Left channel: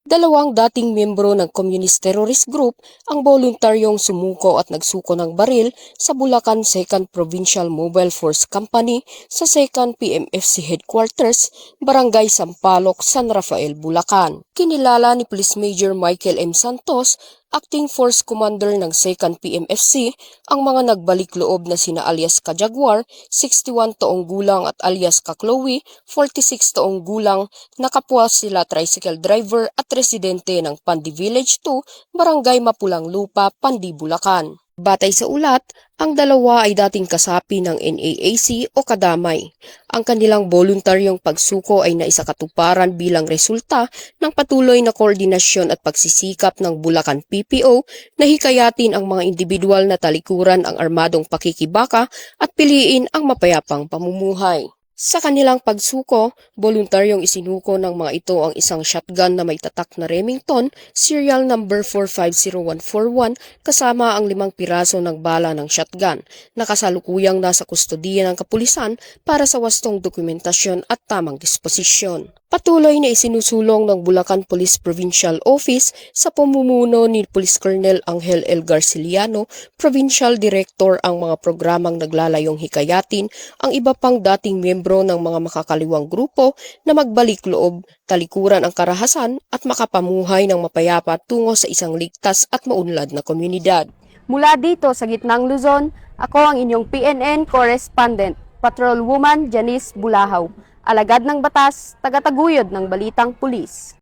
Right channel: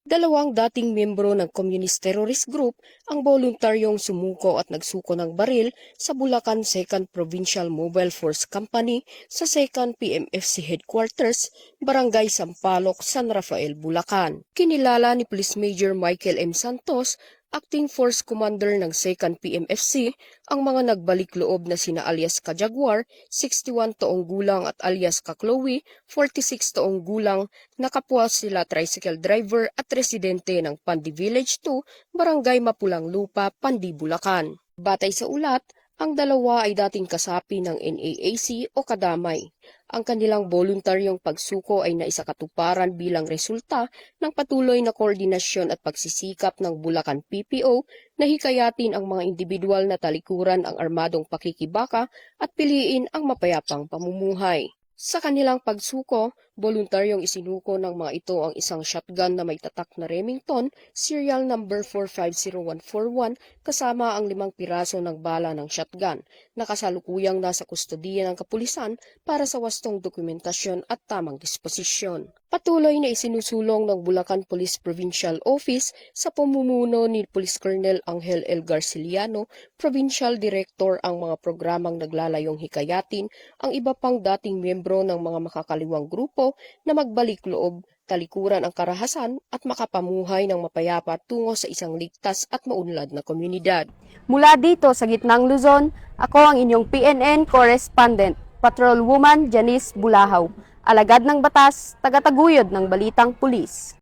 Dalawang dating miyembro ng Communist Terrorist Group ang voluntaryong sumuko at nagsuko ng baril sa Bulacan 2nd Provincial Mobile Force Company sa 2nd PMFC Headquarters, Barangay Sampaloc, San Rafael, Bulacan. Kinilala ni Police Major Michael M. Santos, Acting Force Commander ng 2nd PMFC, ang mga nagbalik loob na sina alias Ka-Jaguar, 61 taong gulang at alias Ka-Chloe, 46 taong gulang, na kapwa sila tricycle driver at residente ng Pandi Village 2, Barangay Mapulang Lupa, Pandi, Bulacan. Batay sa ulat, ang dalawa ay dating kasapi ng NAAC o kadamay. Ang kanilang voluntaryong pagsuko ay naisakatuparan bilang resulta ng patuloy na koordinasyon at pagsisikap ng Bulacan PPO na hikayatin ang mga individual na talikuran ang armadong pakikibaka at piliin ang mapayapang pamumuhay. Sa kanilang pagsuko, voluntaryong isinuko ng mga ito ang isang shotgun na may tatak na Remington, serial number 450141, kasama ang 5 piraso ng bala ng shotgun, na kasalukuyang nasa kustodiya ng kapulisan para sa wastong dokumentasyon at tamang disposisyon. Patuloy na isinusulong ng Bulacan Police Provincial Office sa pamumuno ni Police Colonel Angel L. Garciliano, Provincial Director, ang mga programang naglalayong hikayatin ang iba pang dating miyembro ng mga makakaliwang grupo na magbalik loob, talikuran ang karahasan at makapamuhay ng mapayapa tungo sa isang ligtas at maunlad na komunidad. Mula dito sa Gitnang Luzon, ako ang inyong PNN Correspondent, Patrolwoman Janice Bulahaw, alagad ng batas, tagataguyod ng balitang pulis.